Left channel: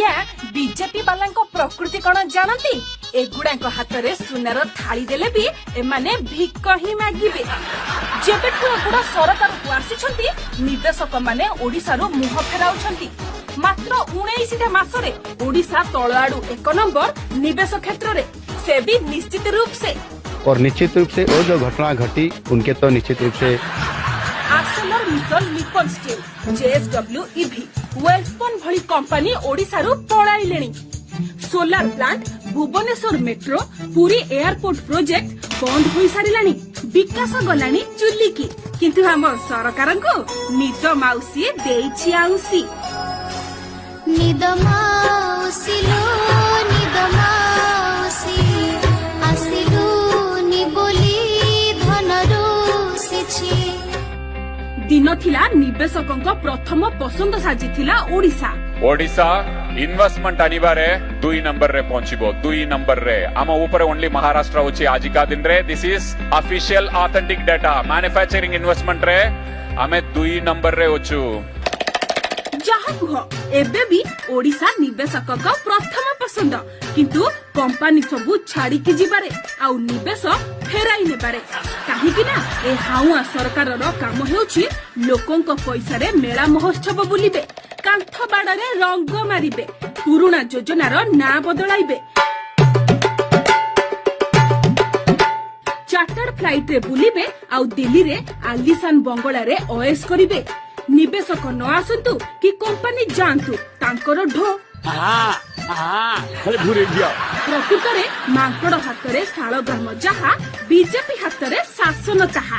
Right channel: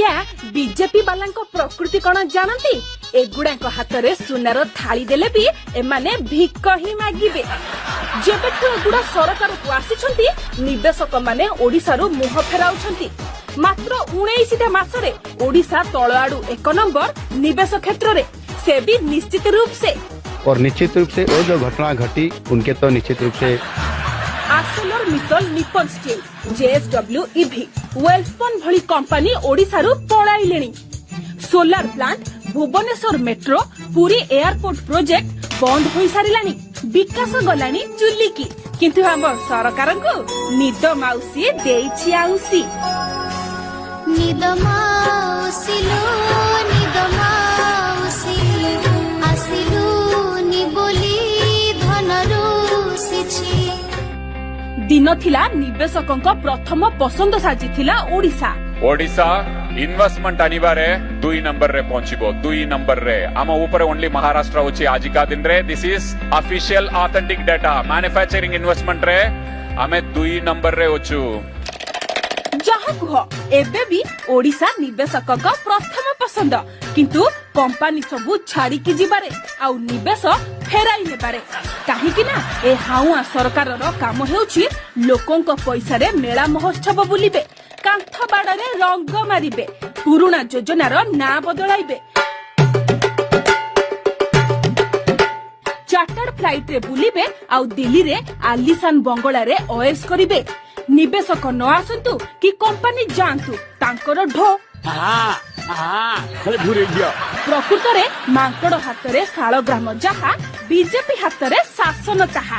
आज्ञा बीजेपी वाला प्रकृति कौन जानती एगुड़ा हाथ में सुनार थाली देले भी एमाने भिक ही मागिबे। जेबेठू एगुड़ा सरकार को आसी निवेशक माने ओडिशारू मुह फेराउछंती। मात्र 19 मासरे ओडिशा तल आड़ू 1 नंबर निवेश क्षेत्र में, से भी निश्चित रूप से। और निश्चित रूप से वो जो घटना घटी उनके तो निश्चित रूप से Mittal Nippon steel, JSW EV, Welspun भली कंपनी ओडिशारू पळाइलेनी। Solar plant, Bhubaneswar metro, Puri airport project बंद हो सारिलानी। विकास गलानी चुली की, किंतु हम सरकार को निद माउसी देइछि आउसी। निद माउसी लो निद माउसी आसिलु नि बोली धनरू सिछि। दिन थिला निवेशकों प्रथम पसंद साजिथिला ओडिशा। ओडिशा इन्वेस्टमेंट आनिबारे 2 नंबर रे पहुंचबो। 2 नंबर रे आम ऊपर ओनली महाराष्ट्र होची आजिका दिन रे। This is official authentic data. Manufacturing investment रे आमे 2 नंबर रे होचु। जहाँ कह एबे भी ओडिशा निवेशकों प्रथम पसंद, किंतु कंपनी सबू छाड़ी की जिबारे आउ निवेश फेराई नेबारे। काहेकि ना ए हाउआ सरकार काम हेउछि लोकों को पैसा रे मेला महोत्सव बुलिबे, कांथ बाड़े रंग मारिबे, पुराना योजनार ना बदलाइबे, चार्टर फ्लाइट रे बुलिबे आउ दिल्ली रे आलिशान बंगला रे ओएस करिबे। निवेशक न आसंतु कि कंपनी जानतु तांकर ढो प्रकृत रे मांकड़ हाथ रे शालग्राम जहा, बीजेपी हाथ रे शासन ताहा।